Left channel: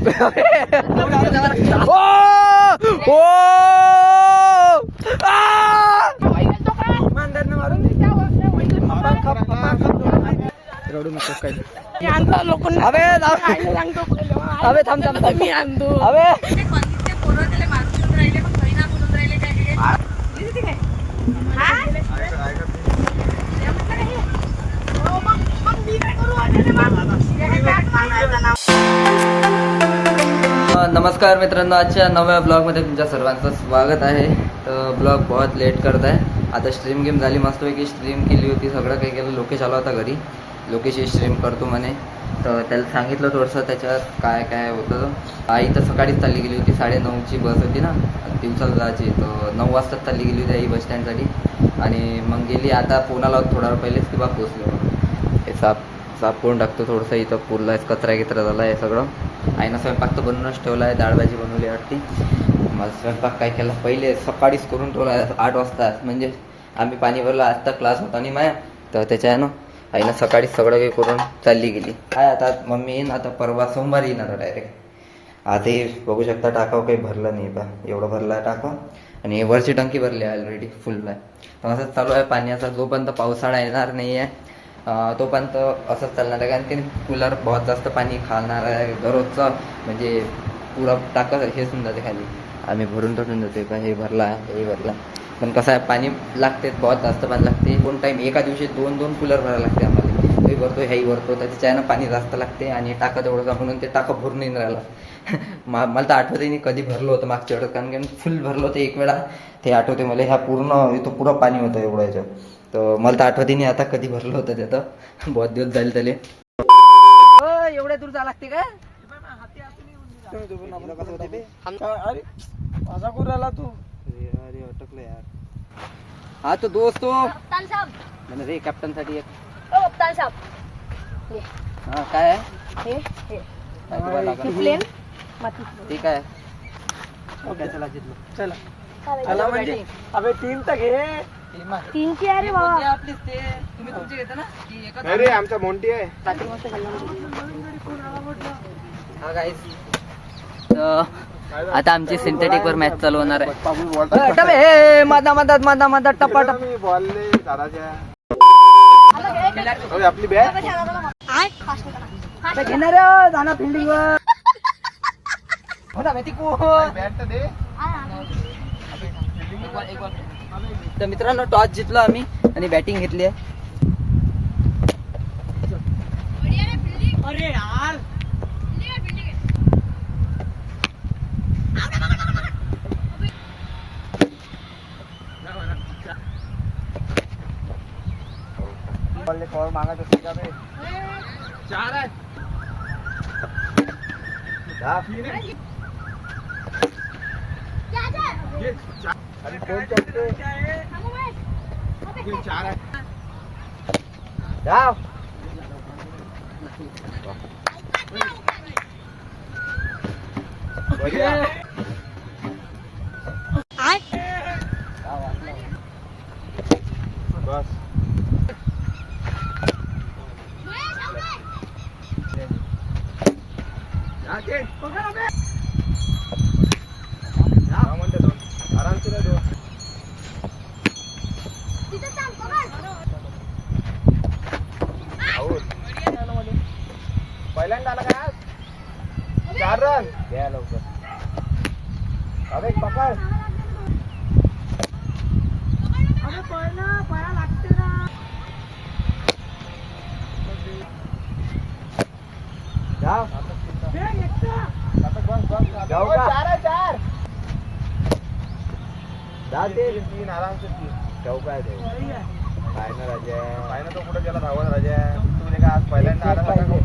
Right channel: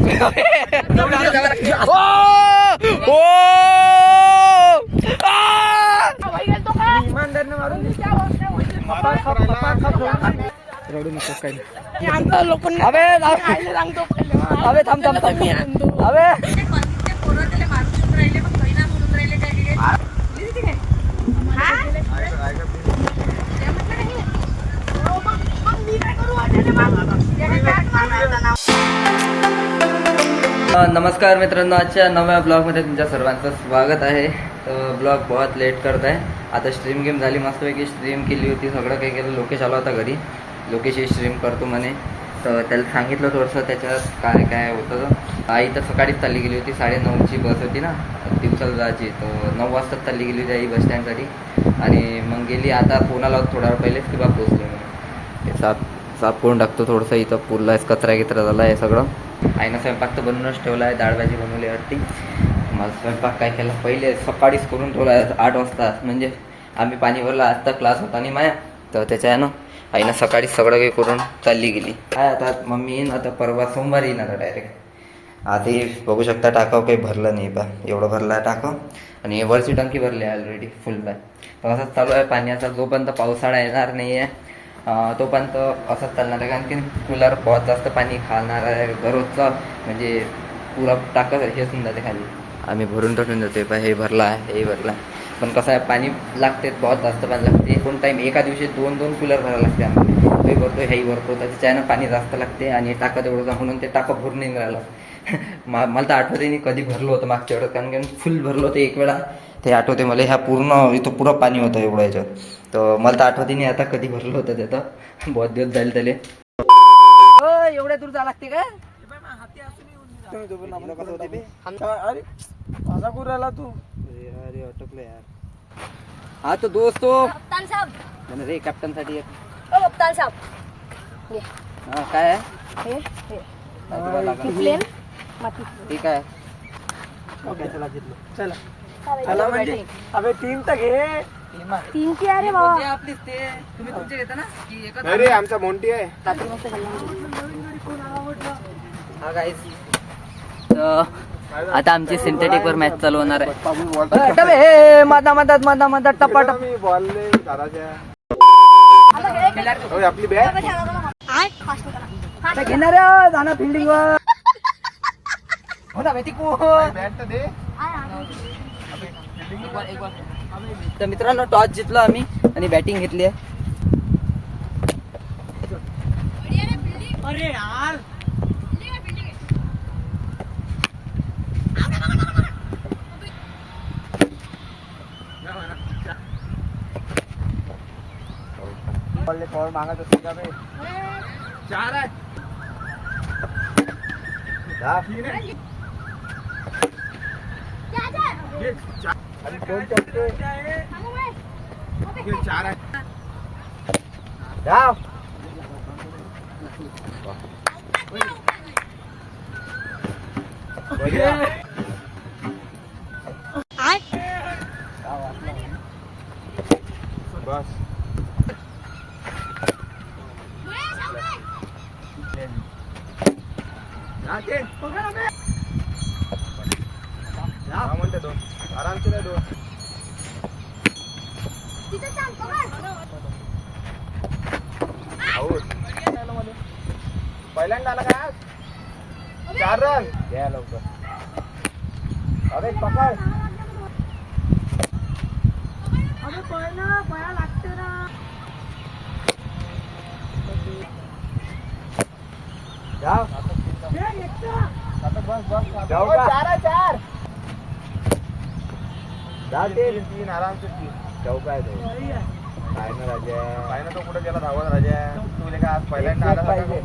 रडू नको काही अबे अबे थांब थांब थांब अबे नमस्कार मित्रांनो, आजच्या नव्या ब्लॉगमध्ये तुमच्या सर्वांचं स्वागत आहे. तर ब्लॉग बहुत लेट करत आहे. आता स्ट्रीम गेम झाली, मस्तपैकी स्ट्रीम केली होती, सगळं काही केलं. लोकेश आला होता घरी, लोकेशची स्ट्रीम करतो म्हणे. तर त्याला सांगितलं थोडंसं त्याच्यात काय काय होतं. आई तर सकाळीच चालली गेली होती, 9:30ची बस होती ना दिवसाला जायची. तर 9 वाजताच चालली गेली होती आई बस स्टँडसाठी. आणि मग गेली. आता फोन आला होता थोडा वेळ पहिलेच की बा पोचले. हे साफ करून टाकतो थोडंसं. इथं पुरला आहे, कचरा गिचरा झाला आहे सगळं. आईनं स्वयंपाक तर बनवूनच ठेवला आहे, डाळ भाजी बनवली वाटते. मला स्वयंपाक काय केला पहिले सकाळीच करून ठेवला आहे 8 वाजता. म्हणजे आम्ही पाणी भरला, आत्ता क्लास होता आणि माया. तर त्याच्या आहे ना आईनं सकाळीच सगळं काही करून चालली गेली. काय आता मम्मी येईन, आता परवा सोमवारी येईन आता डायरेक्ट. आता हे बघू शकता टाकाव काही भरलं नाही बा, एवढं भरलं आहे टाकाव. आणि वरची टंकी भरली आहे ऑलरेडी, फुल आहे. तर असंच चालू आहे पाण्याचा. जोपर्यंत पावसाळा येणार नाही आहे तोपर्यंत असंच चालणार आहे. कारण की कूलर बहुत जास्त पाणी खाणार आहे दररोजचं. म्हणजे पुरा टाकत हे सुद्धा ते खाली आम्ही भरून ठेवून देतो. पण हे भरला आहे, हे भरला. पण कसं आहे पाणी लागते, बहुत जास्त पाणी लागते. 2 टाईम एका दिवशी 2 कूलर भरायला लागते आम्हाला. हे भरतो हेही भरतो, त्याच्यानं पाणी जास्त लागते. आणि टाकं तेवढं म्हणून ते टाकं भरून नाही राहिलं. मला तर आठवते नाही कधी भरलं होतं मागच्या वेळेस. कारण की फुल भरलं होतं एक वेळा, ते आठवते मला. ह्या पूर्ण इथं पुरं पाणी होतं एवढं याच्यात. तर मला तर आठवते नाही आता कधी भरलं होतं त्याचं. बहुत दिवस झाले त्याला. एवढ्या दूर जा लागते का? तू अरे अटकलं यार. हा तो दोस्त रे कॅप्टन साठी एक. हा काय आहे ठीक आहे. चला चला म्हणजे अबे 3 तर घे. 3 ची आहे रे बाबा. आपलीच ते तुम्ही तुमचे घेता ना की एकच. अरे आमचा मोंटी आहे. हा गाईस, तर आता आमची सिंथेटिक वर मॅच चालू होणार आहे. मधा टपाटप आपली बॅग घेणार जाणार फिल्डिंग वर. तर मित्रांनो टॉस जिंकलो आम्ही आणि बॅटिंग घेतली आहे. अरे यार मागायचं 4 आहे. आणि 2 चौके 4 आहे. जाव बस पहिल्यांदा आला का 4 रन घ्या लवकर. अरे पकड. अबे पळा लागते ना. जाओ जाऊ का 4 जाते 3 आराम से 3 चौका आहे तो. काय ना राजा, काय ना तो कुठे गेला धावून राजा. तुला काय आज पहिल्यांदा आला पाहिजे.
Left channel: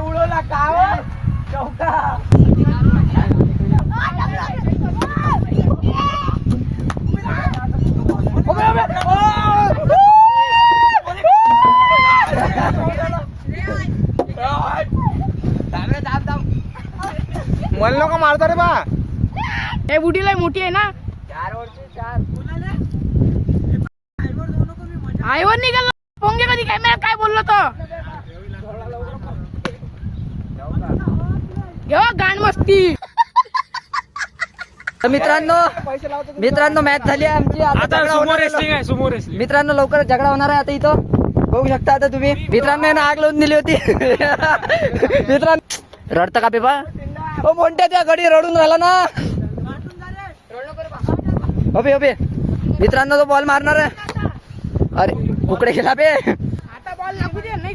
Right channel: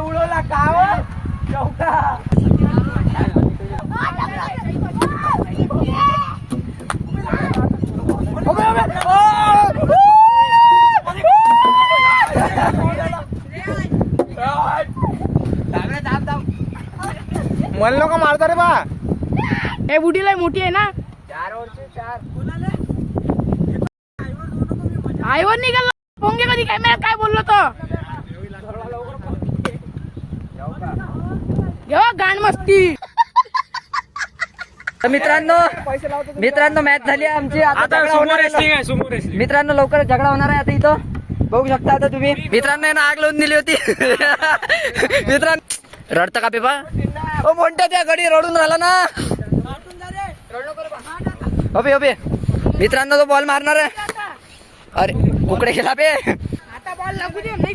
उडवला का चौका मला का मारता रे बा हे बुडीला मोठी आहे ना आईवर निघाला पोंगे कधी कॅमेरा काय बोललो तो गाण मस्ती तर मित्रांनो मॅच झाली आहे आमची. आता झगडा होणार आहे मित्रांनो. लवकर झगडा होणार आहे आता इथं बघू शकता. आता तुम्ही मित्रांनो ना आग लावून दिली होती. मित्रांनो रडतं का पेपा ओ मोठ्या त्या गडी रडून राहिला ना. अबे अबे मित्रांनो तो बॉल मारणार आहे. अरे कुकडे गेला बे. आता बॉल लागू दे नाही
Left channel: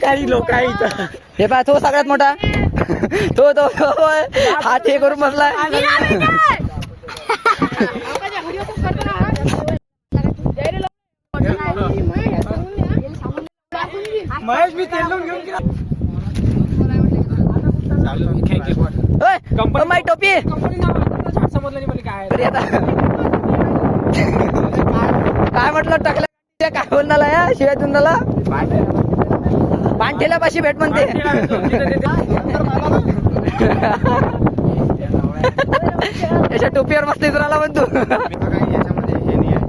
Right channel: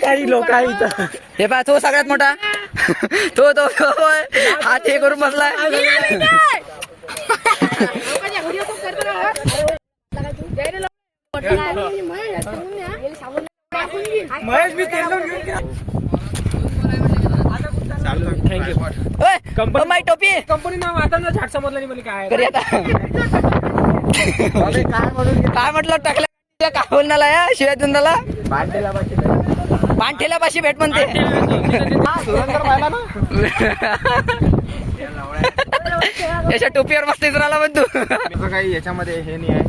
काही लोक आहे इथं. हे पहा तो सगळ्यात मोठा तो तो हात हे करून बसलाय. महेश मी तेल लावून घेऊन माय टोपी कंपनी नाव आता ना झाड समजलं नाही मला काय अरे आता काय म्हटलं टाकल्या काय बोलणार या शिवाय तुंदाला पाणठेल्यापाशी भेट म्हणते. याच्या टोपीवर मस्त राहिला म्हणतो. काही याच्यामध्ये हे नाही आहे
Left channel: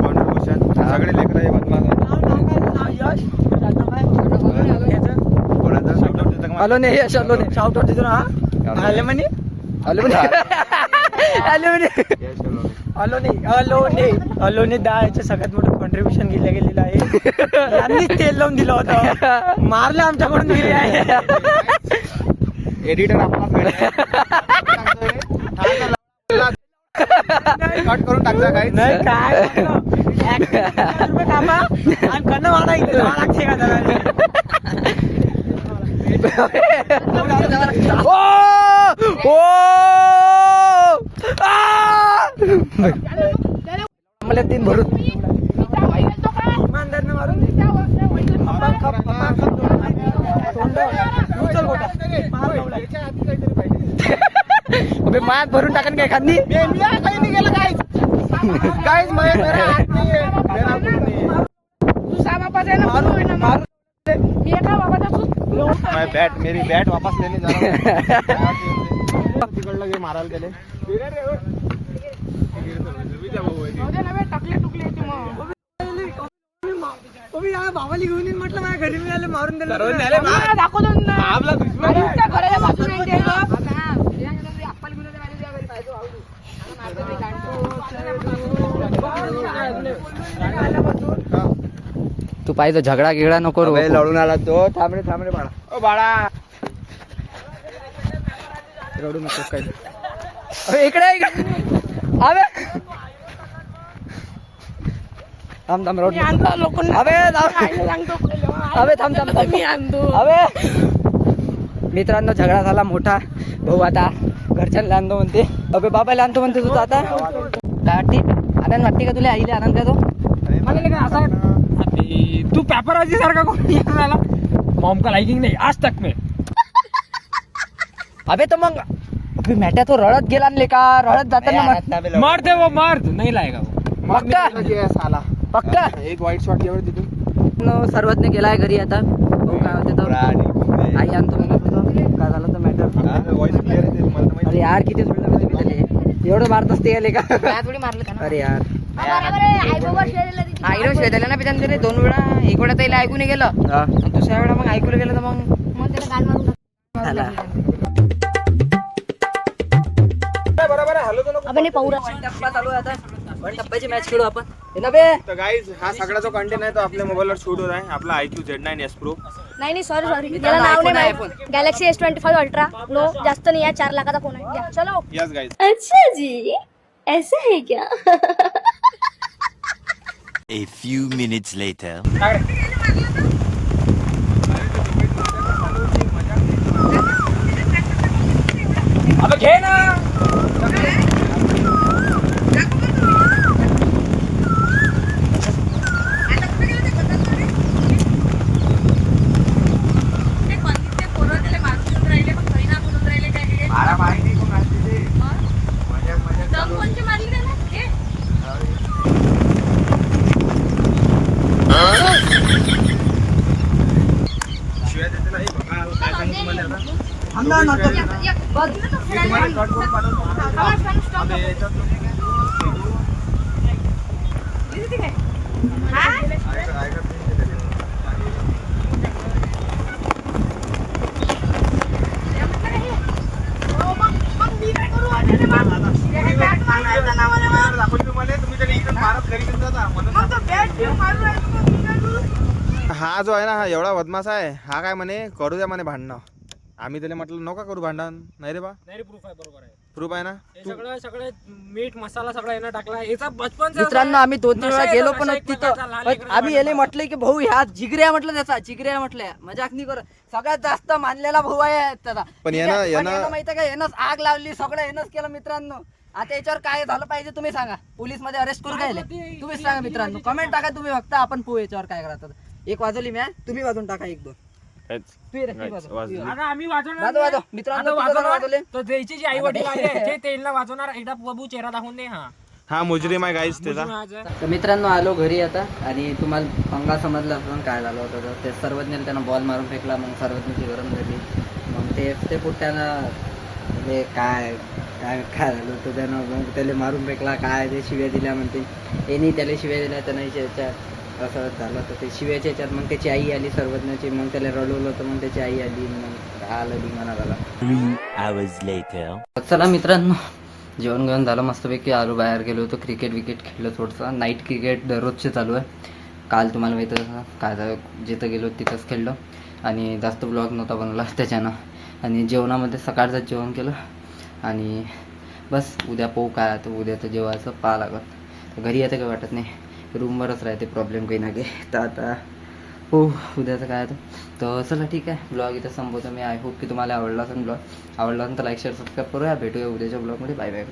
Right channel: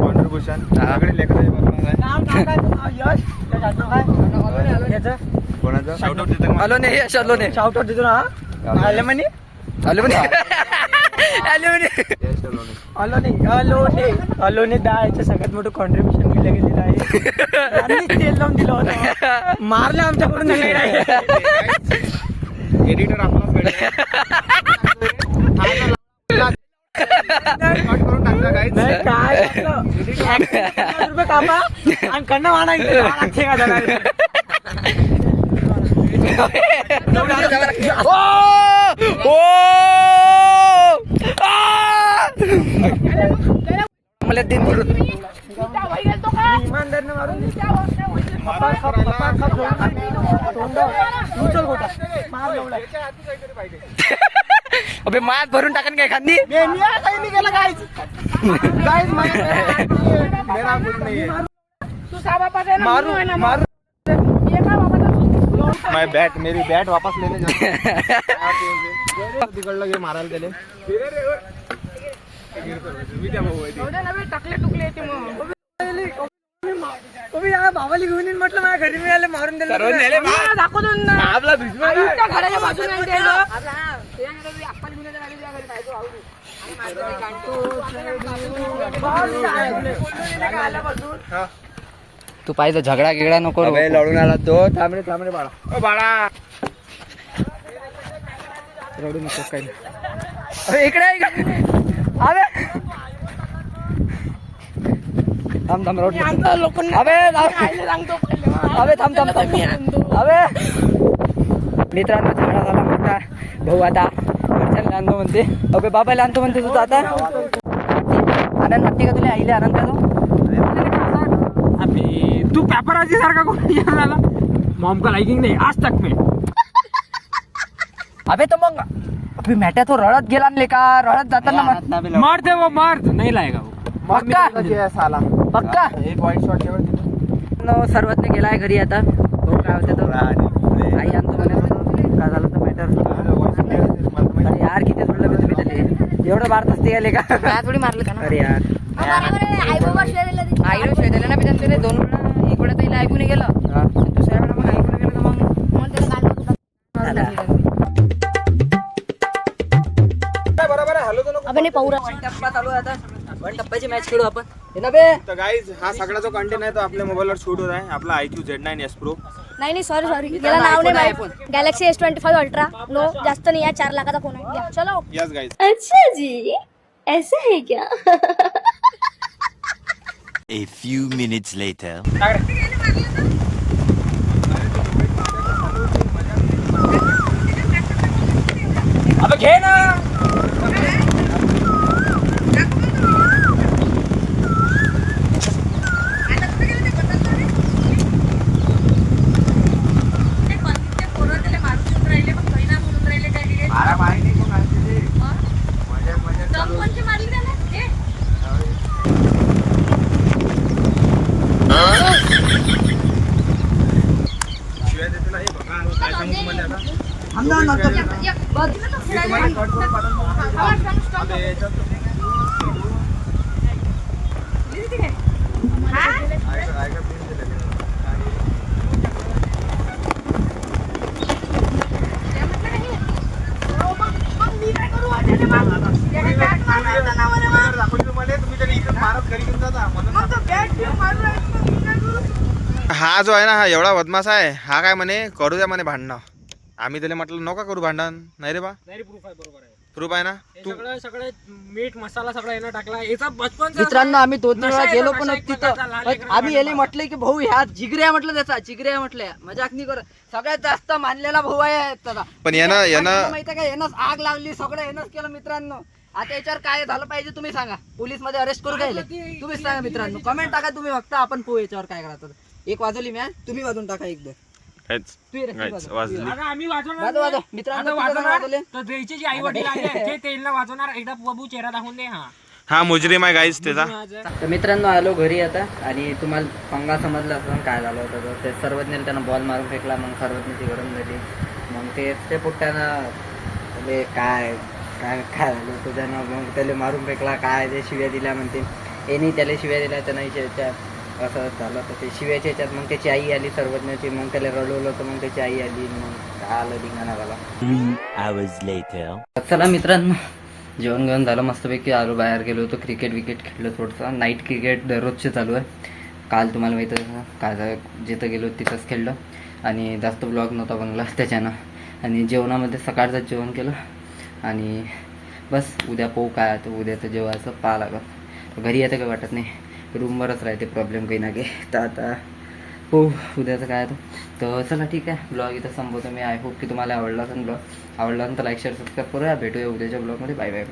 कॉन्ट्रीब्युशन सगळे लेकरं आलो नाही यश आलो नाही. शाउट होते तुला आले म्हणे आलो म्हणे आलो म्हणे अलोने याच्या सगळ्यात मोठं कॉन्ट्रीब्युशन दिलं गेलेलं आहे. तेल लावून दिलं होतं मारले आमच्याकडून. एडिटर करून टाकलं काही नाही काय कामा आणि करणं मला तीन भरून अबे मात भरून टाकन काय खांदी मेरी बैट वापस लेने जाना तिकडलं गे मारायला गेले टाकले टुकले भावाली घेऊन येईन म्हटलं माझ्या घरी मिळाले मारून दिले दाखवतो घराच्या बाजूला तू पाहिजे झगडा गिगडा नको लढून आला तो. थांब रे बाळा. ओ बाळा रडू नको काही. इकडे अबे थांब रोड अबे थांब अबे. मित्रांनो झगडा झाला मोठा. भाऊ आता घरच्यांना आणतो म्हणते. अबे बाबाला आणतो म्हणते. तुझं आता आनंद वाटते का तुला आईले आनंद का तो तू पेपराजी सारखा कोणी झाला मॉम का लाइकिंग नाही आज तक में. अबे तो मग मॅट्या तो रडत गेला आणले का रडत जाताना मर्द वो मर्द नहीं लाएगा पक्का एक वाईट शॉट केवळ तिथून सर्वज्ञ गेलाय घरी आता. भाऊ काय होते तो आई आणतो म्हणे. काय झालं तर मॅटर. अरे यार किती सोडलं मी तुम्ही त्याला एवढं मारत असते गेले का थोडी मारलं. अरे यार आईला शेदायला ना त्याने 2 वेळा. एक वेळा त्याला ऐकून गेलं दुसऱ्या वेळा मग ऐकून गेलं तर मग आपण पाहूया. वन टप्पा चालू आहे आता. वन टप्प्याची मॅच खेळू आपण. हे ना बे तर गाईज हा सगळा जो कंटेंट आहे तो आपल्या मोबाईलवर शूट होत आहे. आपला IQ Z9S Pro. नाही सॉरी त्याला नाव नाही माहिती. Galaxy S25 ultra. नो जास्त नाही आहे. 4 लाखाचा फोन आहे. या चलो. Yes guys. अच्छा जी ऐसा है क्या? A few minutes later. ना नंतर बस. तुम्हाला कट करून पाठवतो. आता याच्यात ऐका हा जो आहे ना हा एवढा बदमाश आहे. हा काय म्हणे करू द्या म्हणे भांडणं. आम्ही त्याला म्हटलं नका करू भांडण. नाही रे बा नाही प्रूफ आहे बरोबर आहे. प्रूफ आहे ना. तू सगळं सगळे मीठ मसाला सगळा यानं टाकला. याचा बचपन मित्रांनो आम्ही 2-3 वेळा गेलो पण नशा एक तिथं प्रकारचा लहान पण लेकरांना आम्ही याले वाटतं. म्हटलं की भाऊ ह्या जिगऱ्या म्हटलं त्याचा जिगऱ्या म्हटल्या मजाक नाही करत. सगळ्यात जास्त मानलेला भाऊ आहे त्याचा. पण यानं माहिती का यानंच आग लावली सगळं यानंच केलं मित्रांनो. आता याच्यावर काय झालं पाहिजे तुम्ही सांगा. पोलीस मध्ये अरेस्ट करू काय तुम्हीच सांगा मित्रांनो. कमेंट टाका तुम्ही फक्त आपण पोहू याच्यावर काय करायचं. एक वाजवली मॅच तुम्ही वाजून टाका एक दोन. तू ये रे, तू वाजव. वाजली. आता आम्ही वाजवणार वाजव, वाजव. नाही. मित्रांनो, आता किती जण वाजवणार, वाजवले? तर द्यायचे जे आई वडील आहे ते तेलला वाजवणार. एकदा बाबू चेहरा दाखवून दे. हा हा मुजरीम आहे गाईस त्याचा. तर मित्रांनो आलो घरी आता आणि तुम्हाला पंगा समजला असं काय झालं होतं तर ते सर्वज्ञाने त्यांना बॉल मारून फेकला. मग सर्वज्ञाची गरम झाली. मग ते पुट्ट्यानं म्हणजे काय काय काय झालं होतं त्यानं. मग त्याला मारून फेकला. काय ते शिव्या दिल्या म्हणते. यांनी त्याला शिव्या दिल्या त्यांना याच्यात असं झालं होतं. ते शिव्याच्या याच्यात मग त्याची आई आली सर्वज्ञाची. मग त्याला रडवलं होतं. मग त्याची आई आली. मग आलं धिंगाणा झाला. 3 hours later. चला मित्रांनो जेवण घेऊन झालं मस्तपैकी. आलो बाहेर गेलो होतो. क्रिकेट विकेट खेळलं थोडंसं. नाईट क्रिकेट दररोजचे चालू आहे. काल तुम्हाला माहिती आहे काय झालं जिथं गेलो तिथंच खेळलो आणि जास्त ब्लॉग नव्हता बनला त्याच्यानं. आणि जेवणामध्ये सकाळचं जेवण केलं आणि बस उद्या पोहू काय आता. उद्या तर जेवायचं पाहा लागत. घरी येतं काही वाटत नाही. रूमवरच राहते प्रॉब्लेम काही ना काही. तर आता हो उद्याचं काय तर चला ठीक आहे. ब्लॉग इथं संपवतो मी. आय होप की तुम्हाला आवडला असेल ब्लॉग. आवडला असेल तर लाईक शेअर सबस्क्राईब करूया. भेटूया उद्याच्या ब्लॉगमध्ये. Bye bye.